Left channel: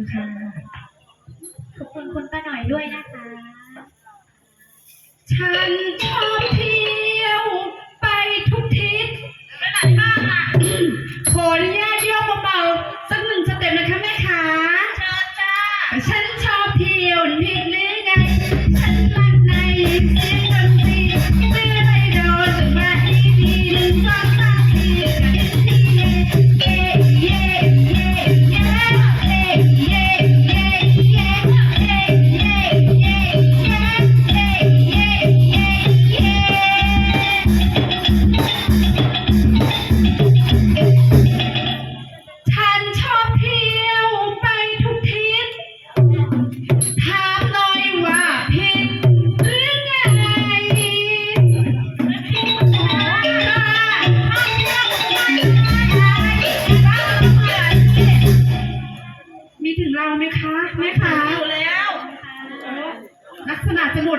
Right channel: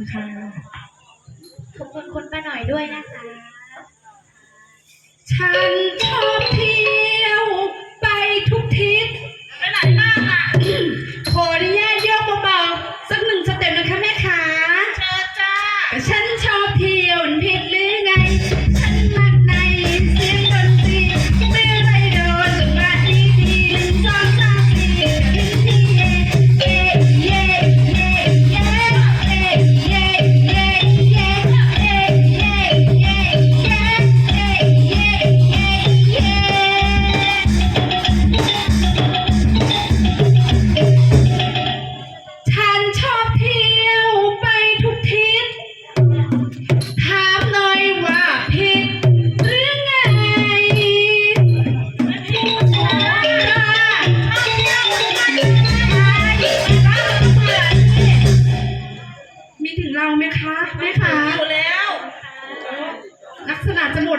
คุณค่ะ ขอบคุณคุณป้าหน่อยด้วยนะคะ ฉันชอบ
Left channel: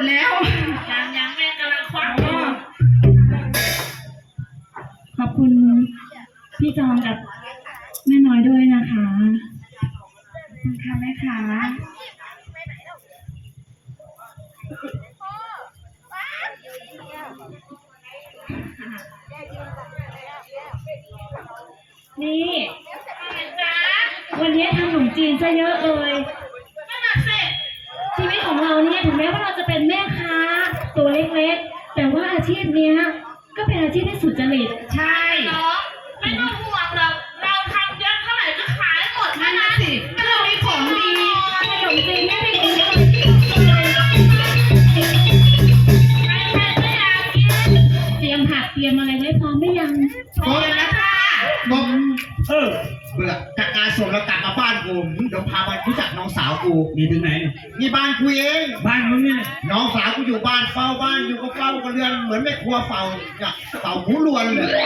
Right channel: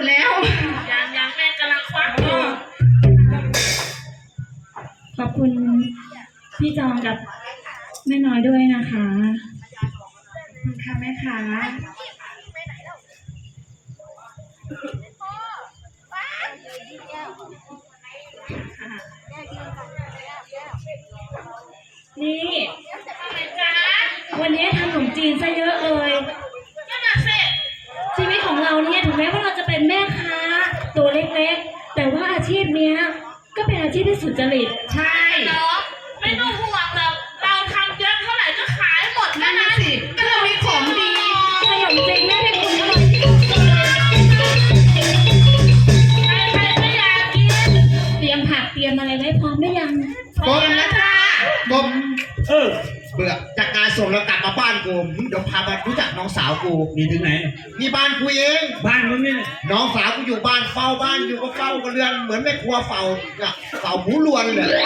ดแล้ว ยังยังแม่กำลังควักอยู่ขอบคุณพี่จอมกับแม่น้อยด้วยนะคะขอบคุณค่ะแม่ขานี่ไปจ้าวันนี้ทำขนมจีนซะเยอะเลย จริตใช่เนาะไม่ต้องห่วงหรอกเราทำเยอะเท่าไหร่ก็ขายหมดเท่านั้นสิก็เรามีของดีขนมจีนไม่เป็นยังไงใครๆก็อยากกินเตรียมผักเตรียมอะไรไว้พร้อมหรือยังกบนะจ้ากบเออเบื่อจากงานส่งแล้วกลับมาบ้านกูมึง กูมีถึงไหน นี่บ้านกูเองบ้านมึงเนี่ยน้องสาวกูอยู่บ้านเฝ้าบ้านอยู่ก็เฝ้ากันเรือนเหมือนแม่ครัวเฝ้ากับเฝ้าหมูลวนเลย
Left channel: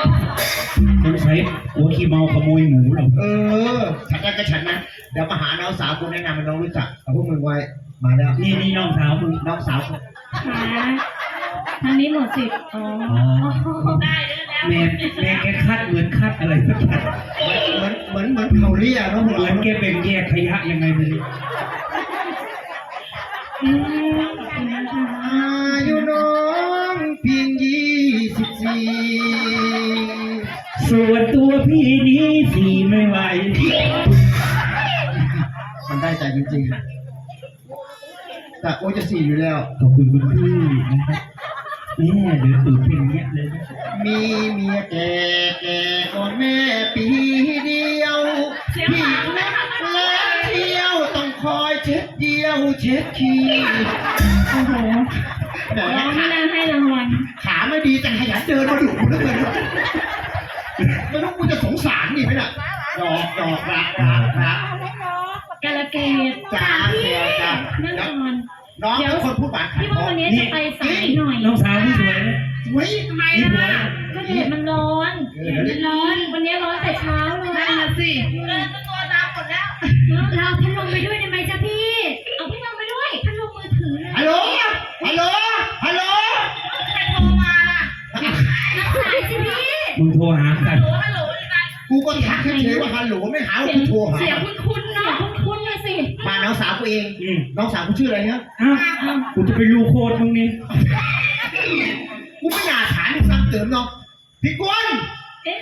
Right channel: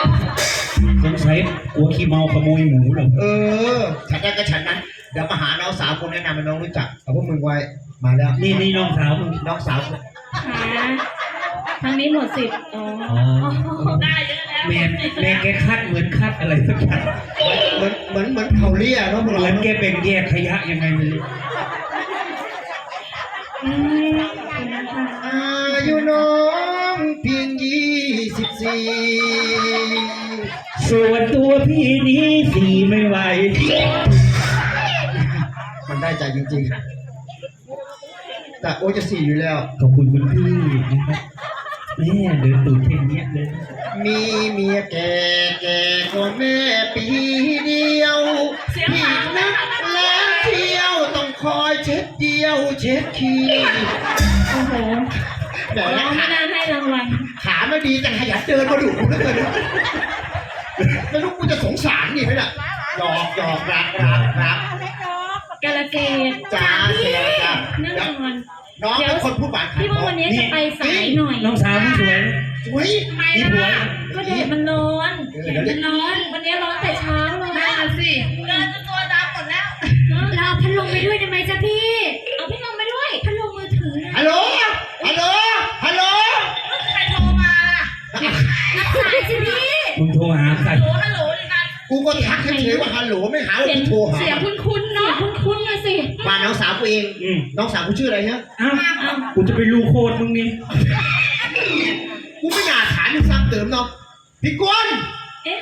สงสัยกลัวขี้เมาขโมยหมูเหรอเออ ฉันได้ก็ฉันนั้นเดี๋ยวมาหาน้องสาวกูแนะนำให้น้องรู้จักเอาพวกมึงไว้ มาแล้วนี่นี่น้องสาวมึงน้องสาวกูหาทางนี้หมดสิทธิ์อ๋ออ๋อได้เยอะแล้วแม่แม่แกคัดเหมือนคัดอะไรสักอย่างเหมือนเหมือนเหมือนเขาเรียกเนาะมึงเหมือนแกเป็นแยกขยะยังไงเลย ส่วนตัวพี่นี้สีไม่ไหว มันได้ใจจริงๆ แต่โอ้ยจะสี่อยู่แล้ว ขอบคุณคุณพี่นะครับแม่เดินตูดเพ่งเนี้ยเลย มีเมียแก่แก่ก็แม่ปีเดียวพี่นึกแล้วเที่ยวต้องคอยเช็ดเดียวเช็ดขี้โอ้โหแต่ร้องไม่ได้ให้รางวัลขาไม่ดีแต่ขยันเดินมาอยู่เหลือเกิน หยอกหยอกรักรักรักกาลเกตจ้าเสียจ้านั่งแล้วก่อนน้องเป็นคนพูดหวานขายพี่ขว่าองวันนี้จะไปสายหน่อยน้องสาวที่สวยสวยทำไมมีผัวล่ะก็แดดมันร้อนแดดมันร้อน วันนี้ร้อนแต่เช้า นะกูก็ทักเฉยๆว่าฮัลโหลไม่หาว่ากูโทรหา เสียงคุ้นๆเนาะคุ้นๆเลยสิมาน้องสาวกูเอง อืมน้องสาวกูชื่ออะไรเนี่ยอ้าวกูจะไปรูโคตรมึงนี่กูไม่อยากถามมึงซ้ำเติมเนาะพี่กวนเอ๊ะ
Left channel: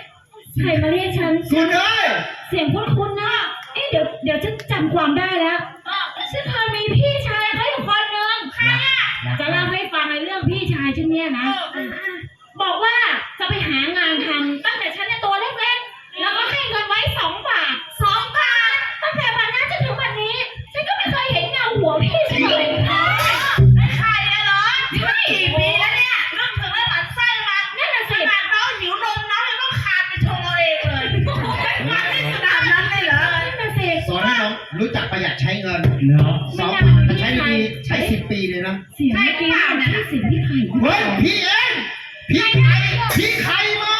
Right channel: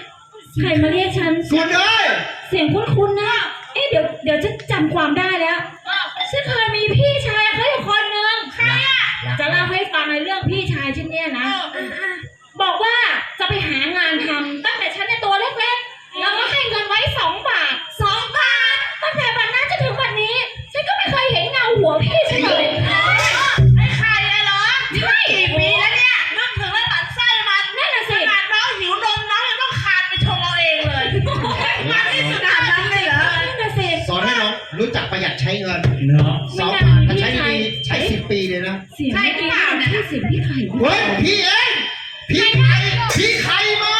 ใครมาเรียกฉันส่วนเลยเสียงคุ้นๆนะเอ๊ะเดี๋ยวเดี๋ยวฉันจำความได้แล้วฉันเคยมีพี่ชายเขาอยู่คนหนึ่งใครอะจะเล่าให้ฟังในเรื่องพี่ชายฉันเนี่ยนะ สิ่ทพี่เองพี่ใครพี่ใครมา